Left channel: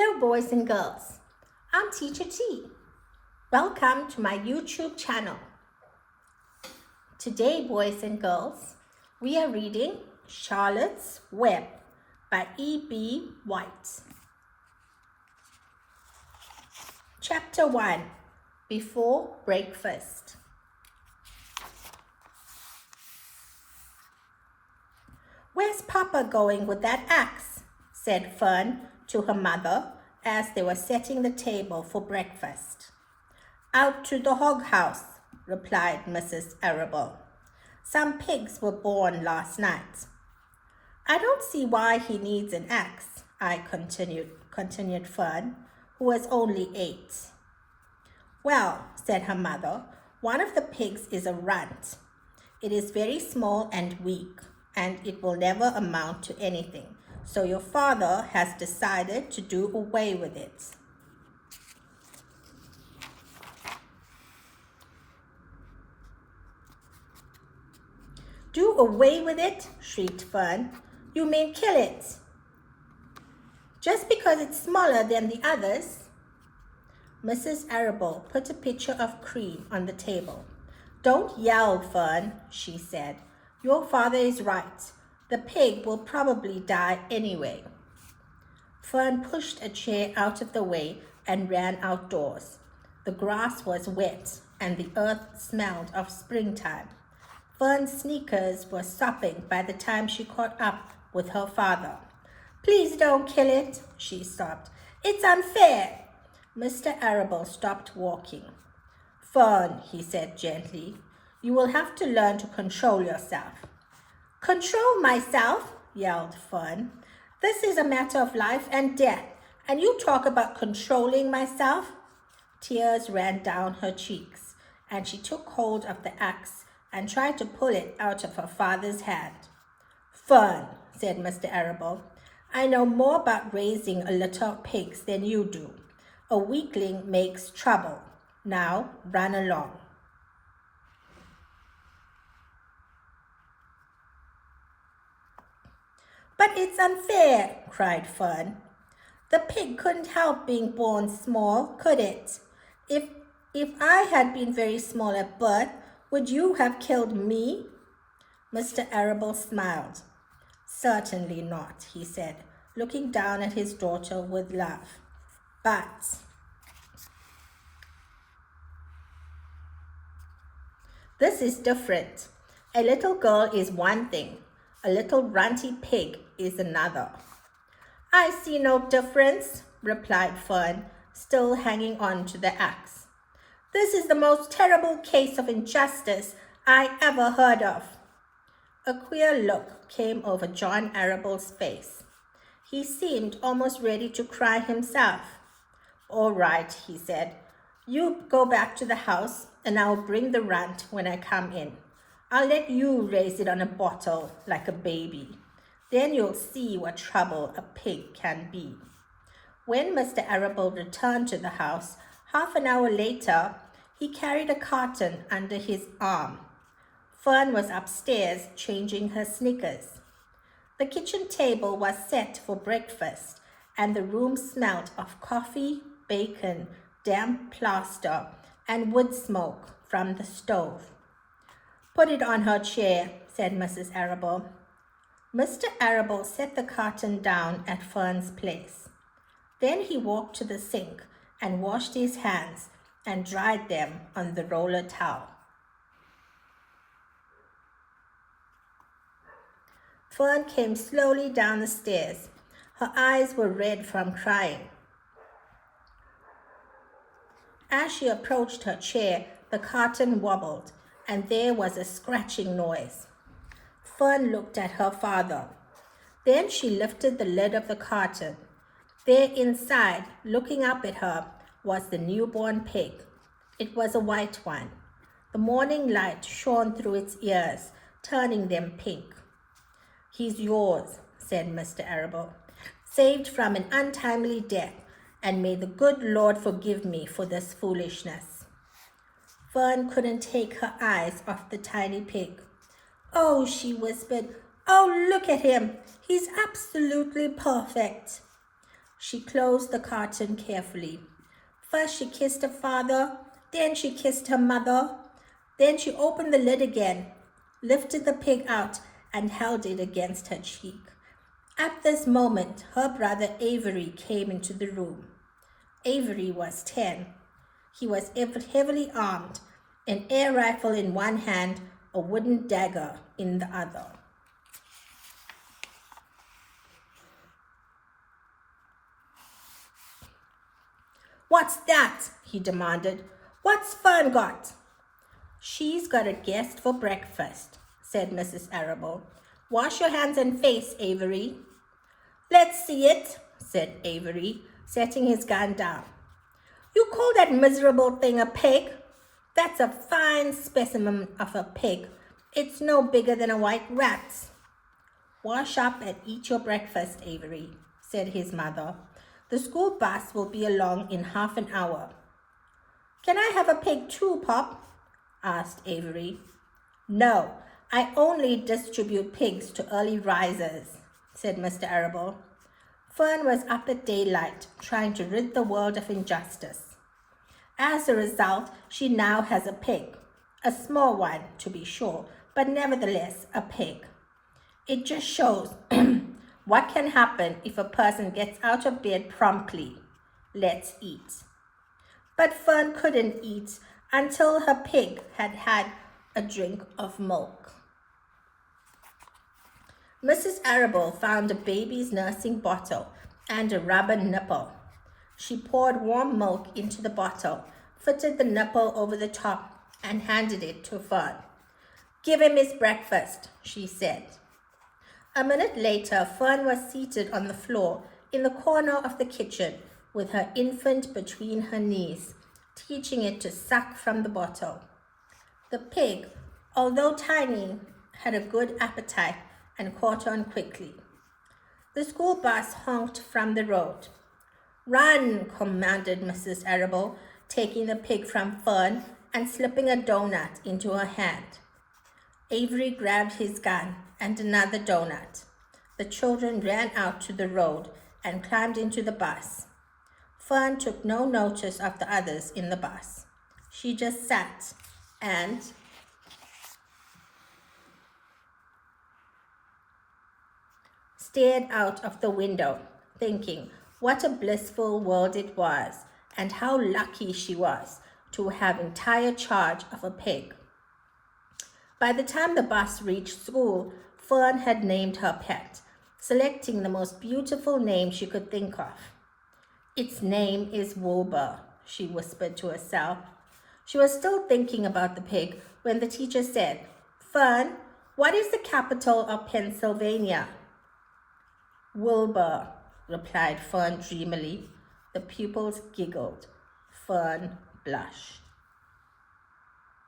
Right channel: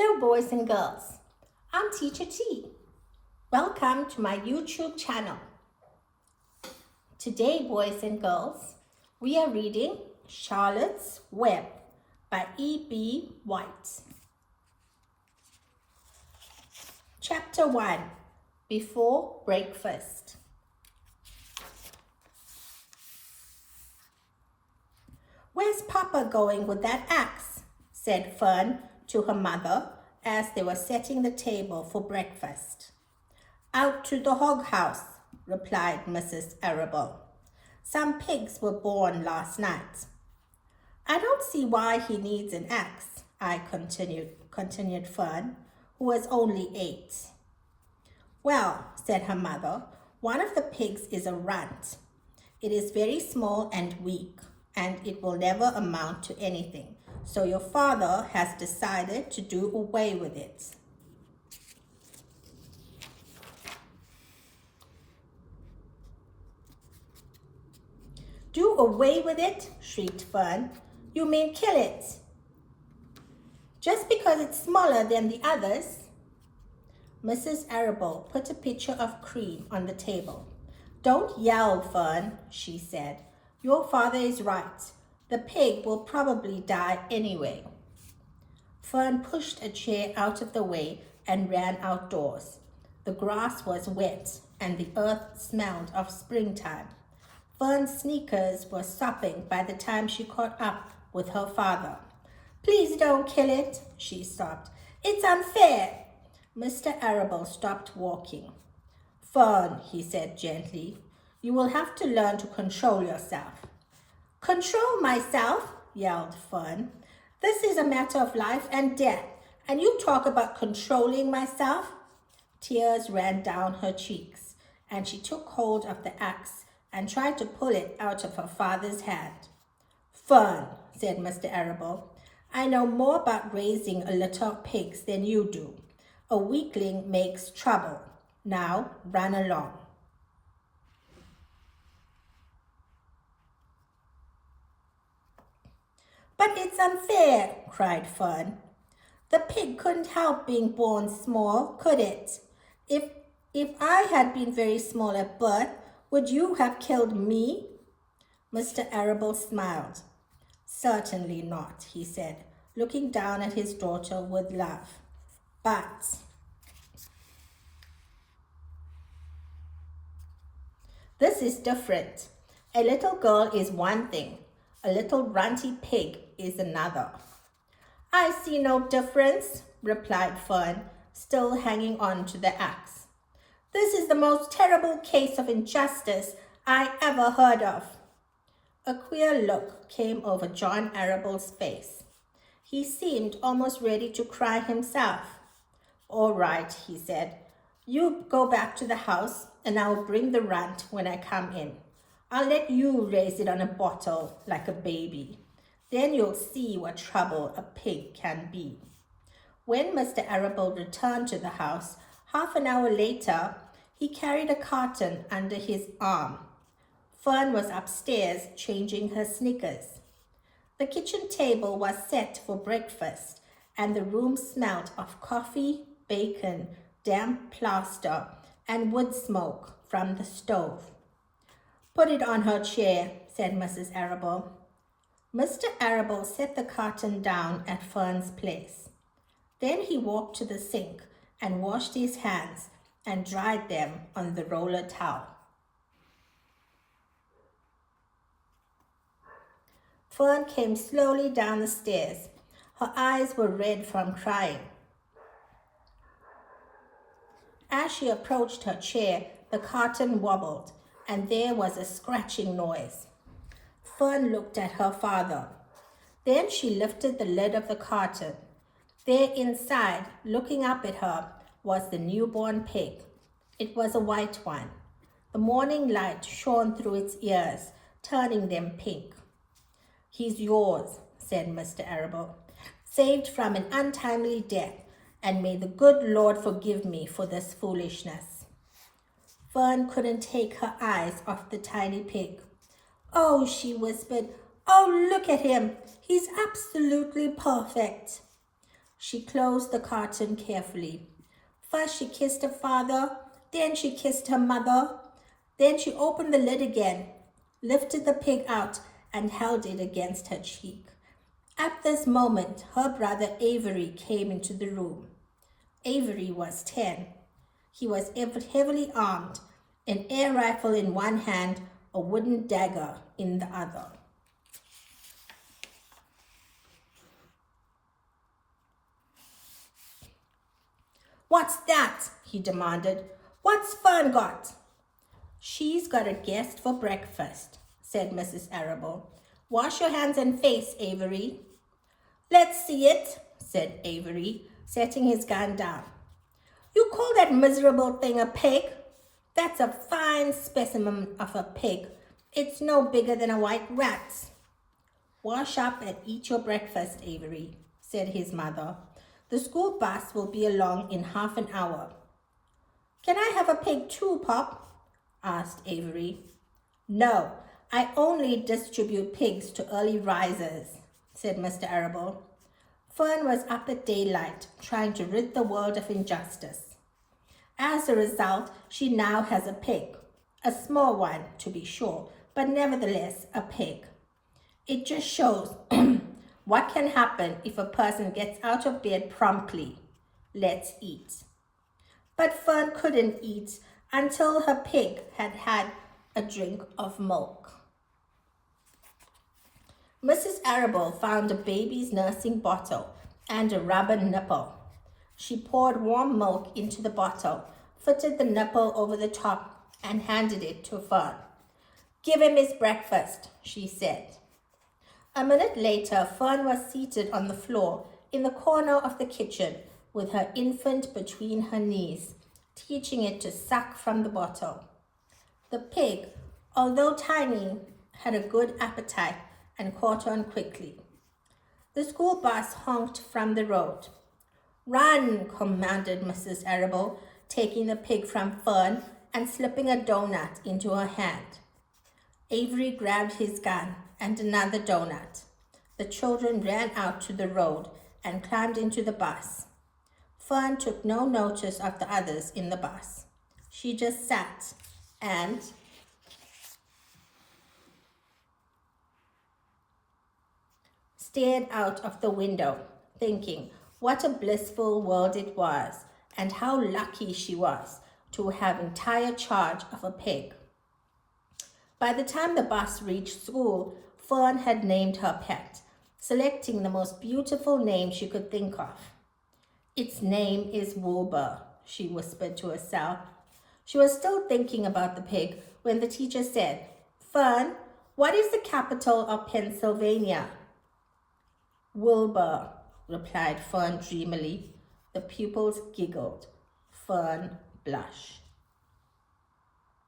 Hello boys and girls, I'm Teacher T. Welcome to my YouTube channel. Today boys and girls, we are reading Charlotte's Web by E.B. White. Chapter 1, Before Breakfast. "Where's Papa going with that axe?" said Fern to her mother as they were setting the table for breakfast. "Out to the hog house," replied Mrs. Arable. "Some pigs were born last night." "I don't see why he needs an axe," continued Fern, who was only 8. "Well," said her mother, "one of the pigs is a runt. It is very small and weak, and it will never amount to anything. So your father has decided to do away with it." "Do away with it?" shrieked Fern. "You mean kill it? Just because it's smaller than the others?" Mrs. Arable put a pitcher of cream on the table. "Don't yell, Fern," she said. "Your father is right. The pig will probably die anyway." Fern pushed a chair out of the way and ran outdoors. The grass was wet and the earth smelled of springtime. Fern's sneakers were sopping by the time she caught up with her father. "Please don't kill it," she sobbed. "It's unfair." Mr. Arable stopped walking. "Fern," he said gently, "you will have to learn to control yourself." "Control myself?" yelled Fern. "This is a matter of life and death, and you talk about controlling myself?" Tears ran down her cheeks, and she took hold of the axe and tried to pull it out of her father's hand. "Fern," said Mr. Arable, "I know more about raising a litter of pigs than you do. A weakling makes trouble. Now run along." "But it's unfair," cried Fern. "The pig couldn't help being born small, could it? If I had been very small at birth, would you have killed me?" Mr. Arable smiled. "Certainly not," he said, looking down at his daughter with love. "But this is different. A little girl is one thing. A little runty pig is another." "I see no difference," replied Fern, still hanging on to the axe. "This is the most terrible case of injustice I ever heard of." A queer look came over John Arable's face. He seemed almost ready to cry himself. "All right," he said. "You go back to the house and I will bring the runt when I come in. I'll let you raise it on a bottle like a baby. Then you'll see what trouble a pig can be." When Mr. Arable returned to the house, half an hour later, he carried a carton under his arm. Fern was upstairs changing her sneakers. The kitchen table was set for breakfast, and the room smelt of coffee, bacon, damp plaster, and wood smoke from the stove. "Put it on her chair," said Mrs. Arable. Mr. Arable set the carton down at Fern's place. Then he walked to the sink and washed his hands and dried them on the roller towel. Fern came slowly down the stairs. Her eyes were red from crying. As she approached her chair, the carton wobbled, and there was a scratching noise. Fern looked at her father. Then she lifted the lid of the carton. There inside, looking up at her, was the newborn pig. It was a white one. The morning light shone through its ears, turning them pink. "He's yours," said Mr. Arable, "saved from an untimely death, and may the good Lord forgive me for this foolishness." Fern couldn't take her eyes off the tiny pig. "Oh," she whispered, "oh, look at him. He's absolutely perfect." She closed the carton carefully. First she kissed her father, then she kissed her mother. Then she opened the lid again, lifted the pig out, and held it against her cheek. At this moment, her brother Avery came into the room. Avery was 10. He was heavily armed, an air rifle in one hand, a wooden dagger in the other. "What's that?" he demanded. "What's Fern got?" "She's got a guest for breakfast," said Mrs. Arable. "Wash your hands and face, Avery." "Let's see it," said Avery, setting his gun down. "You call that miserable thing a pig? That's a fine specimen of a pig. It's no bigger than a white rat." "Wash up and eat your breakfast, Avery," said his mother. "The school bus will be along in half an hour." "Can I have a pig too, Pop?" asked Avery. "No, I only distribute pigs to early risers," said Mr. Arable. Fern was up at daylight, trying to rid the world of injustice. As a result, she now has a pig. A small one, to be sure, but nevertheless a pig. It just shows what can happen if a person gets out of bed promptly. Let's eat. But Fern couldn't eat until her pig had had a drink of milk. Mrs. Arable found a baby's nursing bottle and a rubber nipple. She poured warm milk into the bottle, fitted the nipple over the top, and handed it to Fern. "Give him his breakfast," she said. A minute later, Fern was seated on the floor in the corner of the kitchen with her infant between her knees, teaching it to suck from the bottle. The pig, although tiny, had a good appetite and caught on quickly. The school bus honked from the road. "Run," commanded Mrs. Arable, taking the pig from Fern and slipping a donut into her hand. Avery grabbed his gun and another donut. The children ran out to the road and climbed into the bus. Fern took no notice of the others in the bus. She just sat and stared out of the window, thinking what a blissful world it was and how lucky she was to have entire charge of a pig. By the time the bus reached school, Fern had named her pet, selecting the most beautiful name she could think of. "Its name is Wilbur," she whispered to herself. She was still thinking about the pig when the teacher said, "Fern, what is the capital of Pennsylvania?" "Wilbur," replied Fern dreamily. The pupils giggled. Fern blushed.